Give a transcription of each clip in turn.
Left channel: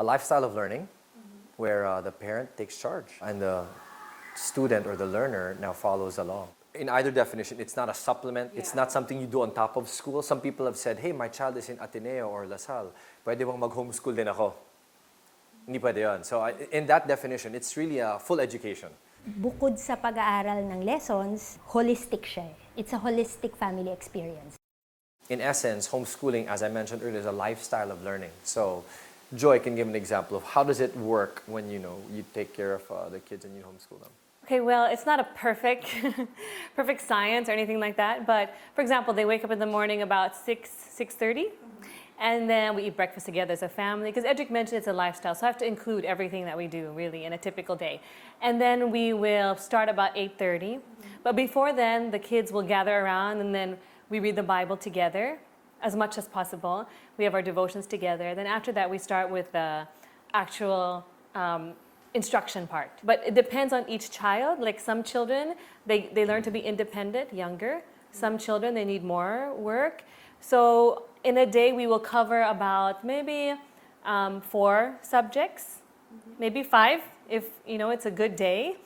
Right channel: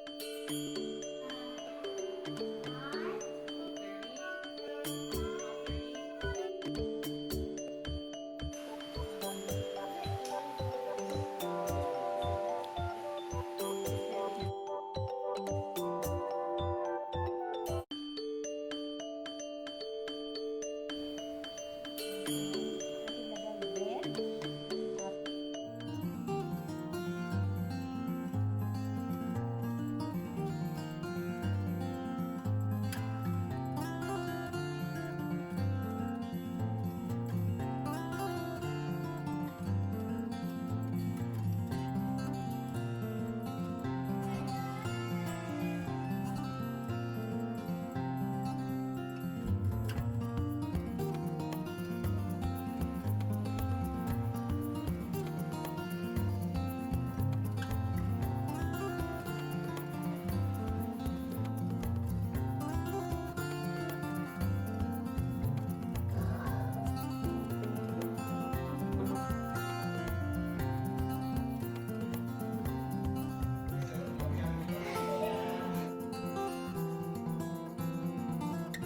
a lifestyle of learning where the parent takes charge and the student or the learner now follows along. In either definition, it's not a supplement, it's not something you do on top of school. Some people have said, hey, my child is in Ateneo or Lasal, pwede bang mag-homeschool din ako? Hindi pwede yun. So in that definition, it's really a full education. Bukod sa pag-aaral ng lessons, holistic siya. It's a holistic family experience. In essence, homeschooling, as I mentioned earlier, is a lifestyle of learning. So Joy can give an example of how does it work when you take care of the kids in the homeschool. Okay, well, it's not a perfect science or anything like that, but for example, they wake up in the morning about 6:30, and then we eat breakfast together as a family, because Edric mentioned it's a lifestyle, so I have to include everything that we do, really, in a typical day. And then we will start about 8:30, but before then, the kids will gather around, and then we read the Bible together as much as possible. We have our devotions together. Then after that, we start with the actual instruction part. But it depends on each child. Like some children, they learn to be independent younger. Some children, they need more work. So in a day, we will cover about maybe 4 subjects, maybe 5 if it's a good day.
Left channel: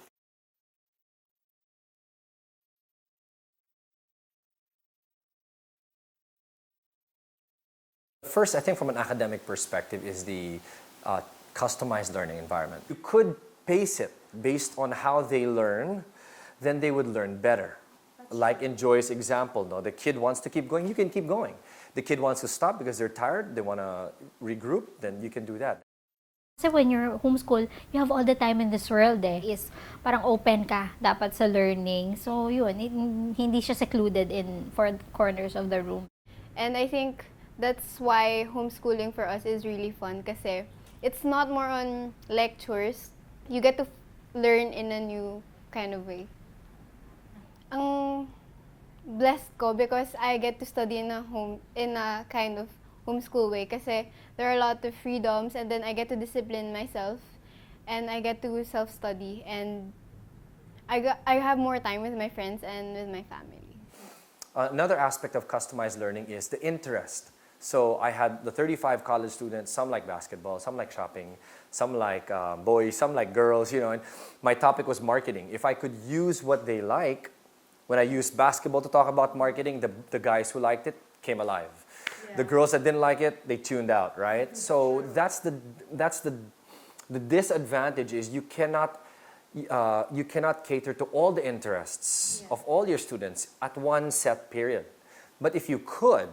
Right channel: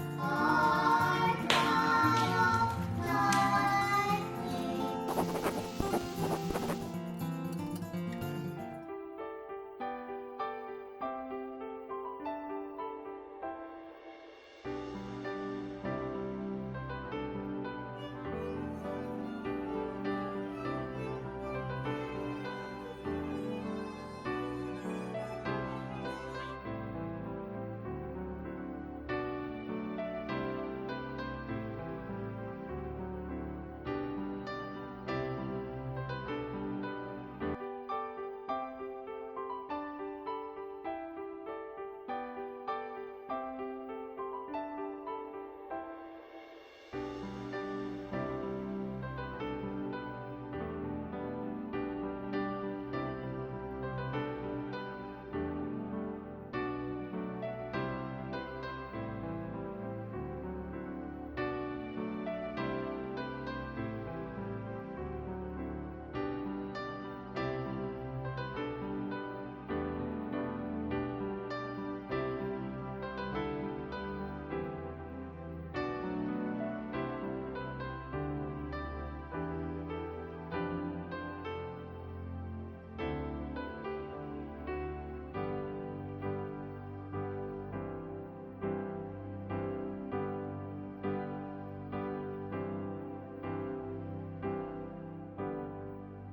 First, I think from an academic perspective is the customized learning environment. You could pace it based on how they learn, then they would learn better. Like in Joy's example, the kid wants to keep going, you can keep going. The kid wants to stop because they're tired, they want to regroup, then you can do that. Kasi when you're homeschool, you have all the time in this world is parang open ka dapat sa learning. So yun, hindi siya secluded in 4 corners of the room. And I think that's why homeschooling for us is really fun kasi it's not more on lectures. You get to learn in a new kind of way. Ang blessed ko because I get to study in a kind of homeschool way kasi there are a lot of freedoms, and then I get to discipline myself and I get to self-study, and I have more time with my friends and with my family. Another aspect of customized learning is the interest. So I had the 35 college students, some like basketball, some like shopping, some like boys, some like girls, and my topic was marketing. If I could use what they like, when I used basketball to talk about marketing, the guys who liked it came alive. Yeah. The girls that didn't like it, they tuned out, right? So that's the disadvantage is you cannot cater to all the interests of all your students at one set period. But if you could,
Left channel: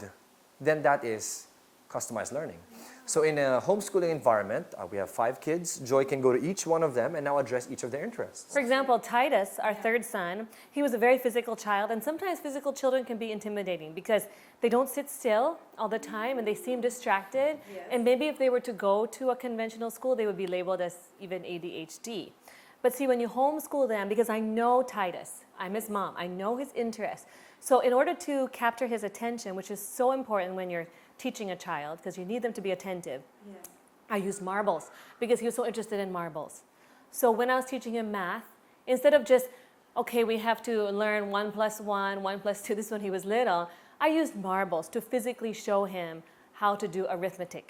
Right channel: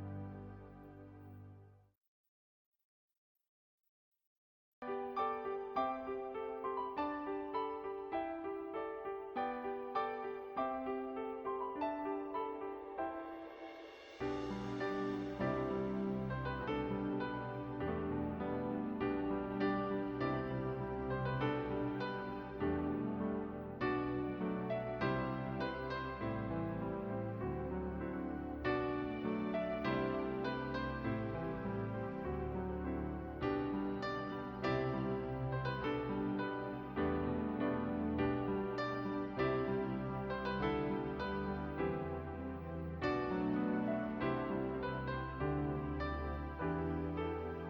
then that is customized learning. So in a homeschooling environment, we have 5 kids. Joy can go to each one of them and now address each of their interests. For example, Titus, our 3rd son, he was a very physical child, and sometimes physical children can be intimidating because they don't sit still all the time and they seem distracted. Yes. And maybe if they were to go to a conventional school, they would be labeled as even ADHD. But see, when you homeschool them, because I know Titus, I'm his mom, I know his interests. So in order to capture his attention, which is so important when you're teaching a child, because you need them to be attentive, I used marbles because he was so interested in marbles. So when I was teaching him math, instead of just, okay, we have to learn 1 + 1, 1 + 2, this is when he was little, I used marbles to physically show him how to do arithmetic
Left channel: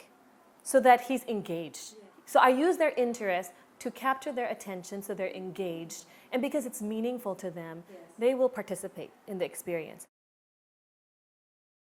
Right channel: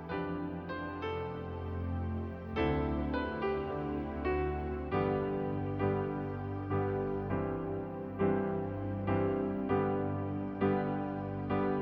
so that he's engaged. So I use their interest to capture their attention so they're engaged. And because it's meaningful to them, they will participate in the experience.